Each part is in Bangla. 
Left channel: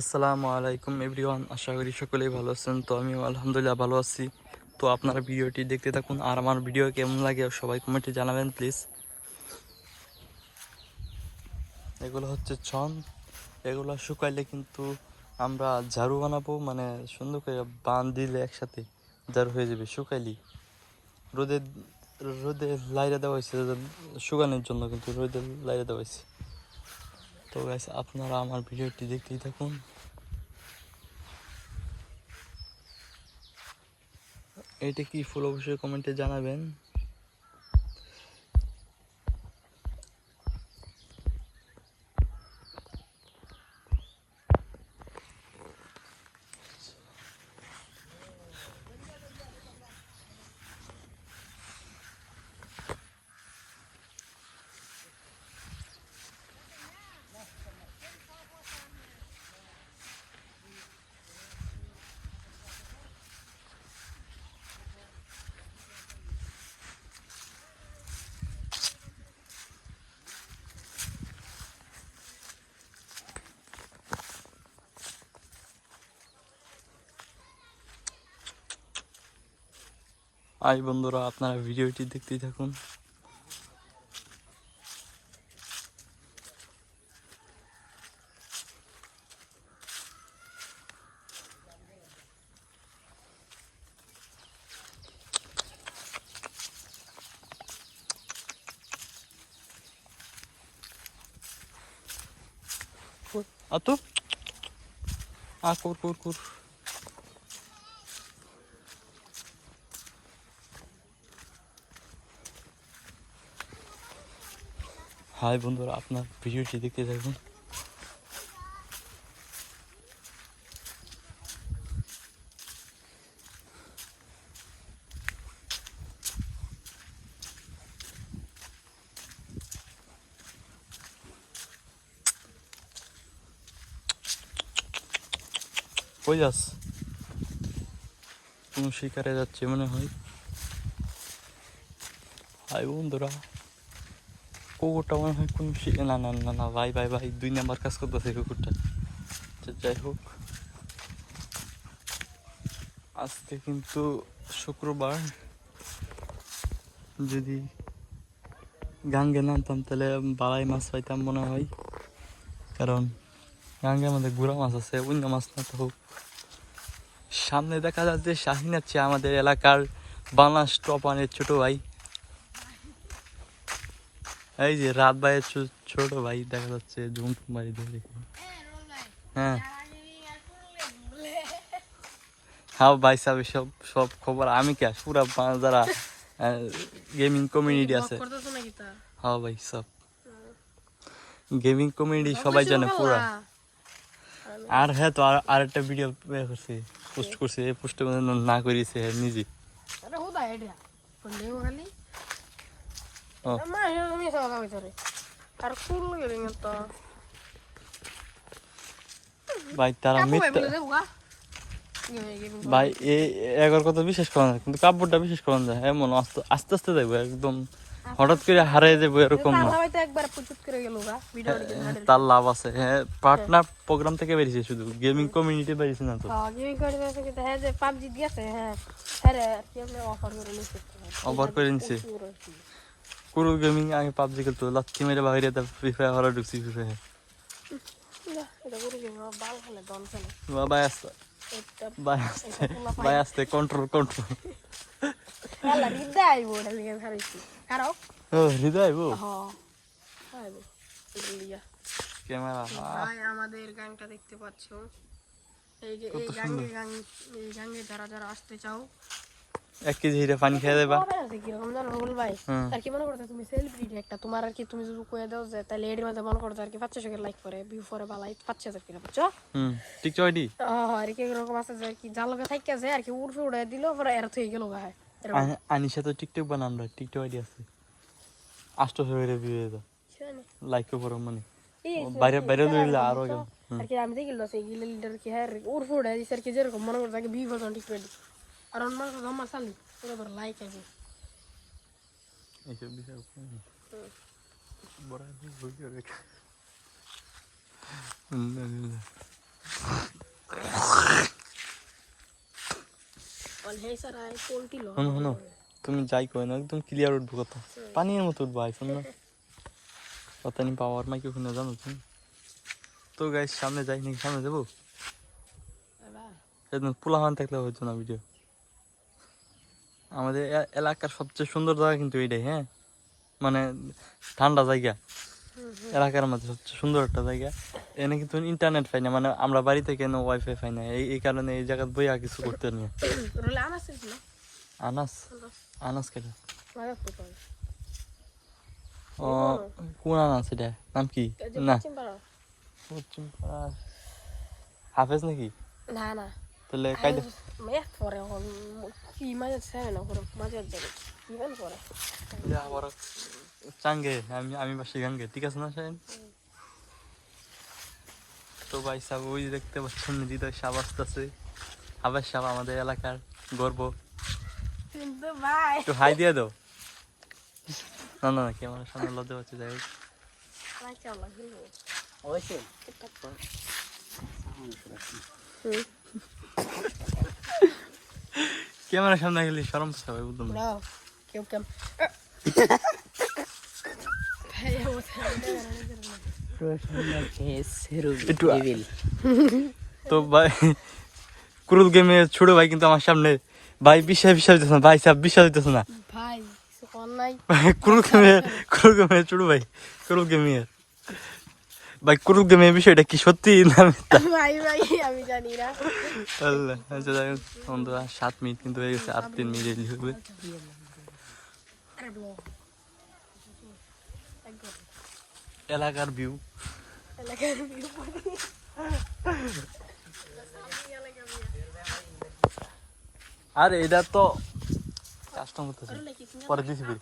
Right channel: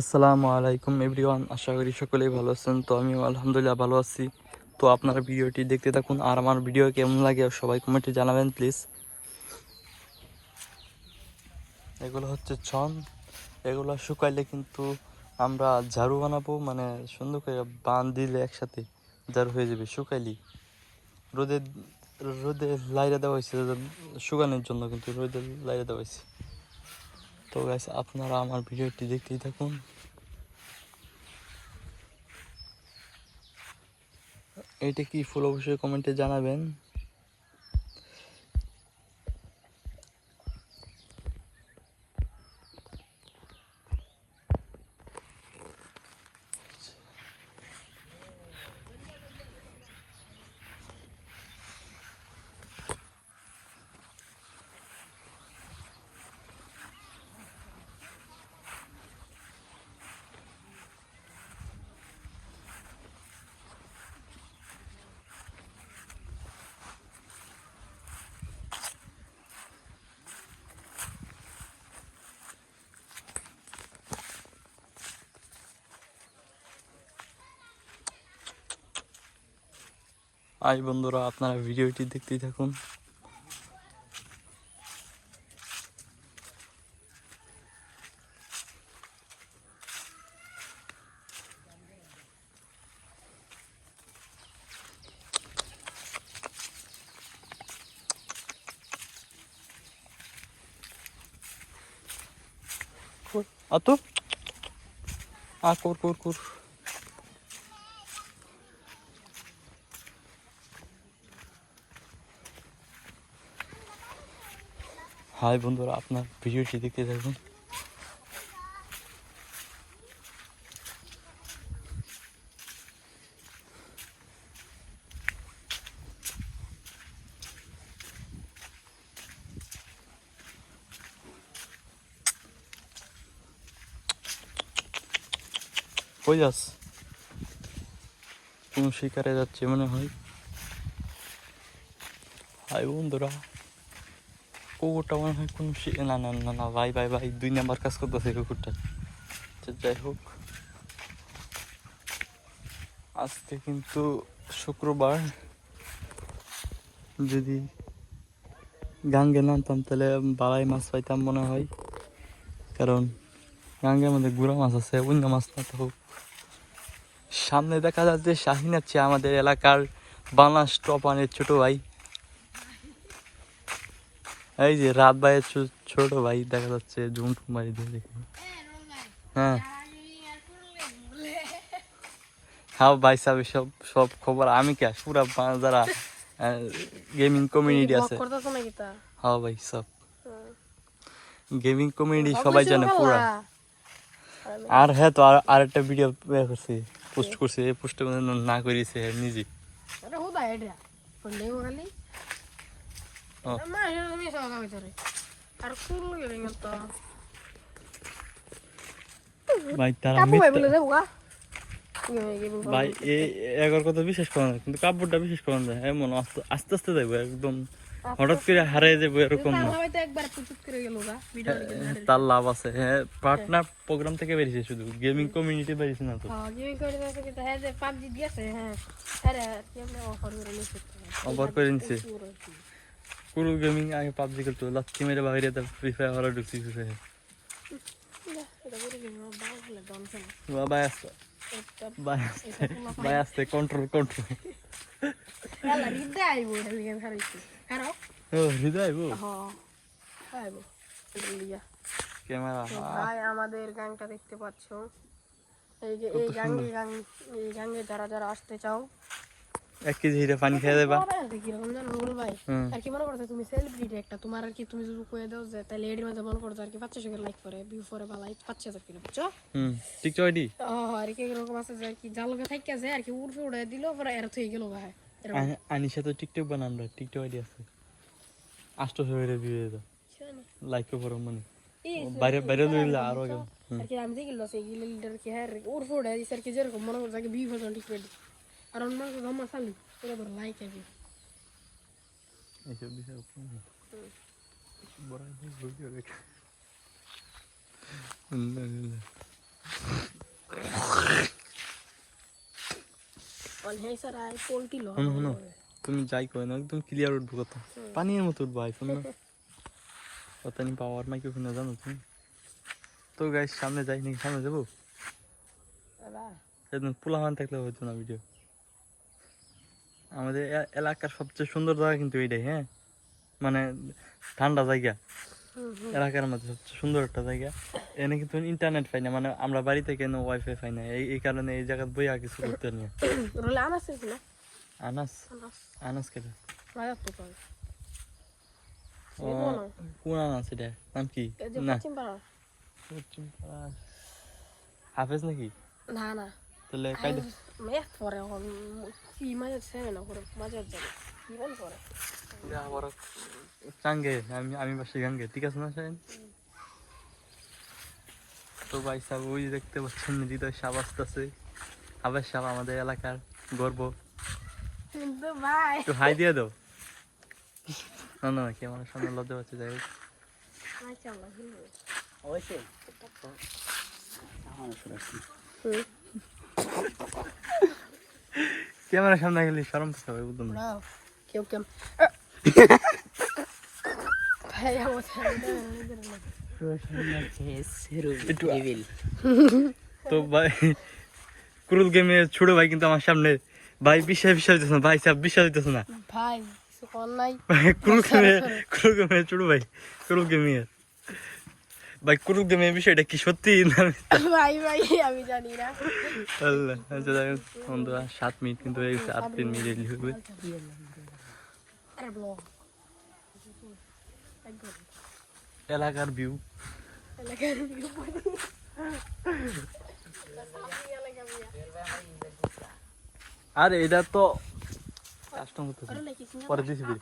আসসালামু আলাইকুম এভরিওয়ান, আশা করি সকলেই ভালো আছেন। তো আমিও আলহামদুলিল্লাহ ভালো আছি। তো আপনারা ভিডিওটি দেখতে থাকুন, আর আমার ভিডিও কেমন লাগে সবাই কমেন্টে জানাবেন প্লিজ। এগুলো হচ্ছে ছন, এগুলো শুকাইলে কিন্তু আমরা ঝাড়ু বানাবো, মানে সুন্দর করে বান দিলে একসাথে ঝাড়ু হয়ে যাবে। শুকাইলি রোদে রোদে লাইরে দেওয়া হয়েছে শুকানোর জন্য, কিন্তু রোদে লাইরে দেওয়া হয়েছে। তো গাইস, আপনারা আমার ভিডিওটি দেখতেই থাকুন। এটা কি ফুল অবশ্যই কমেন্টে জানাবেন। আই বন্ধুরা, আপনারা ভিডিওটি দেখতেই থাকুন। আতো কোর কোর কোর। হাই বন্ধুরা, আপনার ভিডিওটি দেখতে থাকুন। কই যাস? কোন শিকারে যাচ্ছে মনে হয়। হাই বন্ধুরা, কুকুরটা মনে হয় কোন না না না না, ভাই ভাই ভাই, 2 নাম্বার কাজ করতেছে কুকুরটা। যাই হোক, আজকে কিন্তু শুক্রবার। যদি গাঙ্গে নামতাম তাহলে বালাই মাছ পাইতাম মনে হয়, কারণ গাঙ্গের মধ্যে গুড়া মাছ আছে, অন্য মাছ না। তো সামনে দেখা যাচ্ছে শাহিন আছে, আমাদের এলাকার বাংলাদেশ টপানের ছোট ভাই। এই যে রাত ভাইয়ের ছোট ভাই দেখা যাচ্ছে, জুম মারি দিয়ে দেখি। হ্যাঁ হ্যাঁ ভাই সাহেব, সব সব খবর আমি কে পুরা যারা গেমিং কমিউনিটি আছে। হ্যাঁ ভাই, সব গেমিং কমিউনিটি সবাই জানে পুরা। আর হ্যাঁ, তো আর একটা ভিডিও করছি, পোস্ট করছে, এই পোস্টে না করেছে নিজে। ভাই তারা ভাই এগার কথা বিশ্বাস করেন, কিন্তু কাপড়টা বিশ্বাস করেন যায় এমন আস্তে আস্তে আস্তে যাবো, একদম হঠাৎ করে হারিয়ে যাবো এরকম না। তার লাভ আছে। হ্যাঁ, পার্টনার প্রোগ্রাম থেকে বেরিয়েছে, শুধু গেমিং কমিউনিটি বেরিয়েছে না। তো অফার করে নিছে পুরো গেমিং। আমি পাবজি খেলতো, লাথি মেরে বাইরে ফ্রি ফায়ার হরা ঢুকছি। ফ্রি ফায়ার ভাই আসতে ভাই আসতে ভাই আসতে, কন্ট্রোল কন্ট্রোল। হৃদয় ক্যামেরা। ভাই আমাদের গাংটা দেখতে পাচ্ছ, এই যে এই গাঙ্গে যারা যারা আসতে চাও 1 কেজি হিরে পানি খেয়ে দেবা। কিরকম জানো ভাই, আর কি মনে করছো তুমি সেলিব্রিটি একটা, তোমার আর কি তুমি যদি কয়ে দাও যে তাহলে এর মধ্যে মনে করছো আর কি 500 লাইক করে ভিউ করে বা লাইক 5000 করে, বুঝছো? টিকটক আইডি আর কি এরকম আছে যে কি জালগা থাকি আছে আর কি উড়ে উড়ে দিল, পরে এর থেকে গেল গায়। আনিশা তো টিকটক বানান, টিকটক আইডি আছে 800 করে ভিউ দাও, লাইক করে মনে বাইরে বাইরে লইলে আরো কেমন। আর কি আমি দেখি লস এই লিডার কি হ্যাঁ উড়ে উড়ে দিছে আর কি, যেরকম মনে করছো কি ভিউ করছো টিকটক আর অন্য মাস জমা চালি এবার লাইক আছে এইসব বিষয় বড় ভিডিও দেখে। এছাড়া আর পোল্ট্রি লোক শোনো শোনো, তুমি যাই কই না একদম ক্লিয়ার উঠবো কথা, পানির মতো উঠবো আইফোন না কথা নি পাওয়ার মাইক্রোফোন জানো তুমি। তো গাইস সামনে যাই নাকি, সামনে যাবো? একদম পোলাহান থাকলে হতো না ভিডিও। আমাদের এলাকার সবচেয়ে সুন্দর জায়গা কিন্তু এইটাই, হ্যাঁ মানে ঠান্ডা জায়গা, এলাকার মধ্যে সবচেয়ে সুন্দর একটা জায়গা। এনে কিন্তু ইন্টারনেট পাই না, মানে আমরা বাড়ি থেকে ওয়াইফাই পাই না, এই কারণে এই জায়গায় বইয়া কিছু করতে নেই। রোলে আনাস ছিল আনাস আনাস কেটে ভাই আপনি কোন ও কোন আনাস এটা নাম কি? না চিম্পালা হাফেজ নাকি? না না তাহলে কাইদে মেয়ে পরে এখন কি মাঝে সেভেন করে মজা যাবে ইভেন করে আবার চাঙ্গে আমি বাসি গাঙ্গে, ঠিক আছে না সাইন? তো ভাই সাহেব ওই যে দেখতে পাচ্ছেন হৃদয় সাপ আসতেছে, হাফেজ সাপ আমাদের এলাকার গর্ব। কিন্তু ভাই তো হাই দিয়ে দাও। না না কি আমার সামনে লজ্জা পাচ্ছে, যাই হোক ভাই চল ঘুরবো অবশ্যই ক্যামেরার সামনে গেলে শরম পাচ্ছে ভাই, বুঝলাম না। ব্রাও কেউ কেম ভাই ও একটু তো ভাই ক্রুজ গেমে ছোট ভাই কিন্তু আমার সামনে, ভাই বিশ্বাস হইতেছে না, ভাই সাহেব বিশ্বাস হইতেছে না। ভাই কোন নাই ক্রুজ গেমে ছোট ভাই, ক্রুজ গেমে ভাই, ক্রুজ গেমের বিষয়টা কি সত্যি না মিথ্যা? ভাই ভাই আমি জানি না আল্লাহ, আচ্ছা যাই হোক বন্ধুরা, 7 মিনিট কিন্তু হয়ে গেছে, আর 3 মিনিট হবে। আরে ব্লো এলাকার ভিউ আরে এটা তো কাস্টম করতেছে, পরে দিছি ভাই।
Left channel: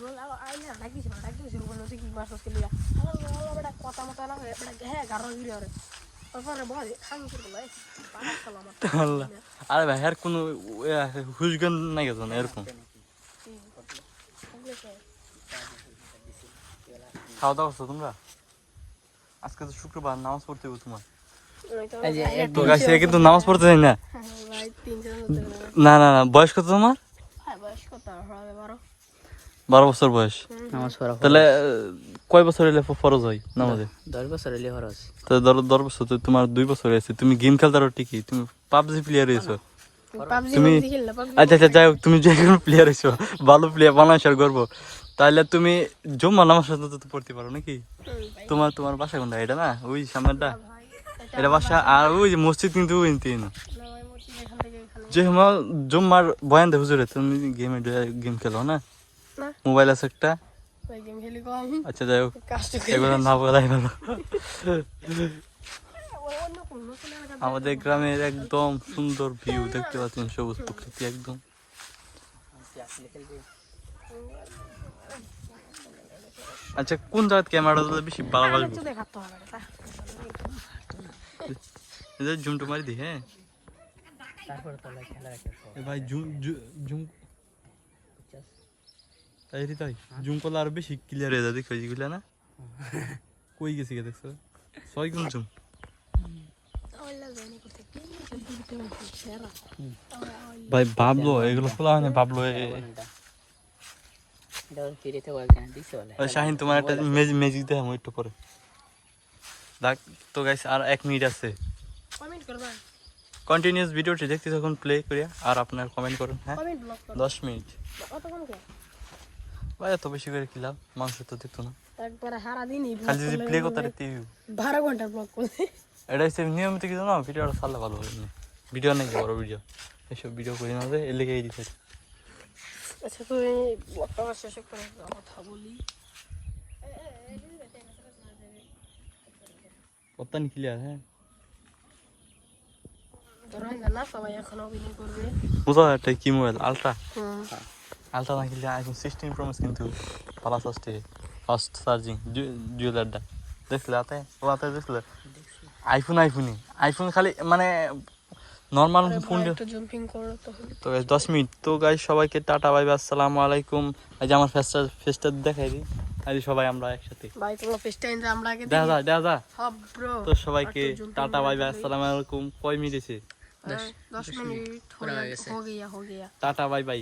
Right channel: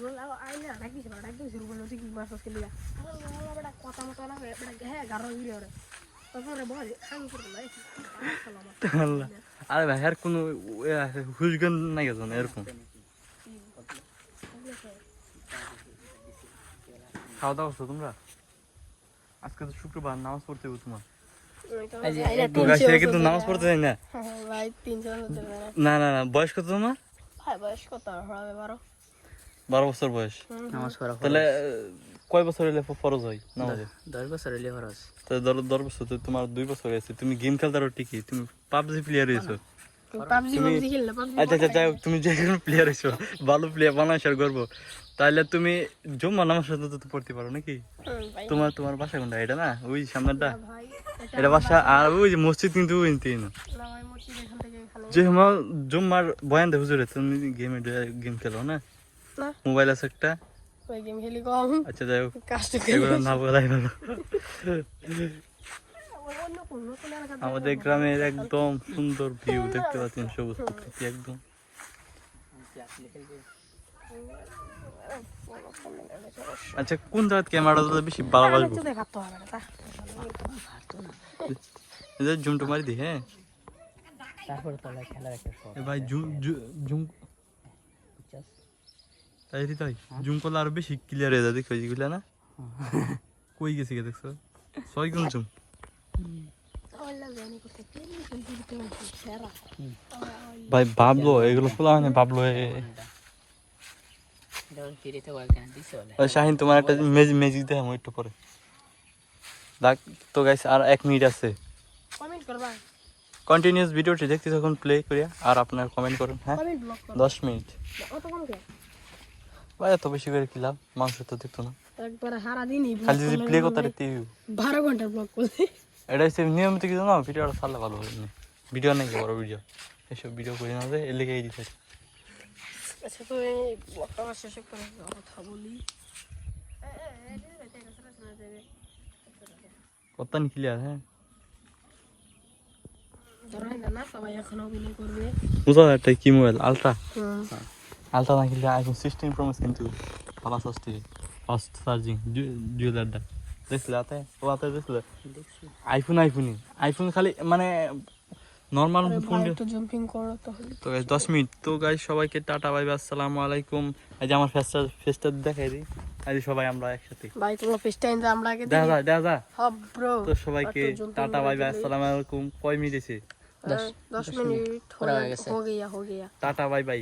রোল আই না রাখি শুরু করলো ঠিক মাস কে লিয়া বড় কথা মত না হ্যাঁ গারো ভিডিও রে ওরে বল আমি করে লাই আল্লাহ, আরে ভাই আর কোনো হুশগান নাই গেছে না এরকম। খাওয়া দাওয়া করছো তোমরা? আজকে তো শুক্রবার, নামাজ পড়তে হবে তোমার। তো গাছে কিন্তু নামাজ পড়তে যাই না। ভাই 300 হতে না না না, বয়স কত তোমার? ভাই বয়স কত হবে 12 12 বছর বয়স। তাহলে কয় বছর হলে ফরজ হয় নামাজে? 10 বছর হলে খরচ। তো 10 বছর, তো তোমার 2 বছর হয়েছে, তুমি গেম খেলতে পারো ঠিকই, তুমি পাবজি প্লেয়ার হয়েছো। পাবজি তুমি খেললে আচ্ছা আচ্ছা যাই হোক, তুমি যে কোনো প্লেয়ার হয়েছো, ভালো প্লেয়ার বাংলাদেশের গর্ব, তাহলে তুমি জুম্মা নামাজ সাথে তো পড়তে পারো নাকি? তোমার বাসা কোনটা? এটা না ওই সামনেরটা, ভাই এটা বাসা। আর ওই যে মসজিদ কিন্তু ওই তিন, না ভাই মোটি এখান থেকে এখানে যে আমার জুম্মার বয়ান দে হুজুরে, তুমি গেম খেলো না? না। মোবাইল আছে একটা। ওই গেম খেলি কম আচ্ছা যাই হোক, কাস্ট এগুলো না বলাই ভালো। অন্য কোন নতুন এলাকা আমাদের গ্রামের একদম সুন্দর ভিউ দেখতে পাচ্ছেন, সবুজ প্রকৃতি একদম। আচ্ছা কোন জায়গায় ক্যামেরাটা বেশি ভালোবাসবো? দেখাতে হবে না জুমটা মারি দি, হ্যাঁ এ ভাই জুম তাই তাই জুম করলে আরো বেশি ক্লিয়ার হয়ে যায়, দেখো যেগুলা না কই গেছি গে দেখছো, 6 গুণ জুম। ভাই ভাবলো এগুলো খোলা হয় না, ভাবলো ফিরিতে বলতে দিছে বলে শাহিন তোমার একটা ম্যাজিক দেখাবো একটু পরে দেখ। তো গাইস আর 1 মিনিট আছে, কমেন্ট করবা কন্টিনিউয়াস ভিডিওটি দেখতে থাকুন প্লে করিয়া, আর আপনার কমেন্ট করুন। হ্যাঁ কমেন্ট ব্লক করো 10 মিনিট অত কম কে ভাই, এত বেশি করে কি লাভ, মানুষ তো দেখতো না, একবারে সারা দিনই খালি যদি প্লে করতে পারতে। 12 ঘন্টা ব্লক করতে এটা হচ্ছে নিয়মিত কিছু না, ভিডিওটা ছাড়লে ভালো হবে। ভিডিও নাকি বড় ভিডিও, এসব ভিডিও করে নেবে, এর লেগে দিচ্ছে। আচ্ছা তুই ব্লকটা শেষ করে কথা বলি কত নি ক্লিয়ার? হ্যাঁ ধরো না সবাই এখন অভিনয় করবে বুঝা একটা কি মোবাইল আলট্রা, হুম আলট্রা না কিনলে আইফোন 16 প্রো ম্যাক্স কিন্তু পালাস আসছে, ফাস্ট চার্জিং জুয়েলারটা দেখলে আতে ও আতে দেখলে আইফোন খালি মানে নর্মাল ফোন। একটু জাম্পিং করো তাহলে তো গাইস 10 মিনিট, তো গাইস সবাইকে টাটা বাই বাই, আসসালামু আলাইকুম। এই যে আমার ফেসটা দেখাই দিই, আজ সবাই আমরা একসাথে ভাই তুমি ফিশ টাইম আমরা আগে দেখা যা। হ্যাঁ ব্রো তো সবাইকে টাটা বাই বাই, আসসালামু আলাইকুম। কয় মিনিট আছে? 10 मिनट हो गया, हो गया। Tata bye bye.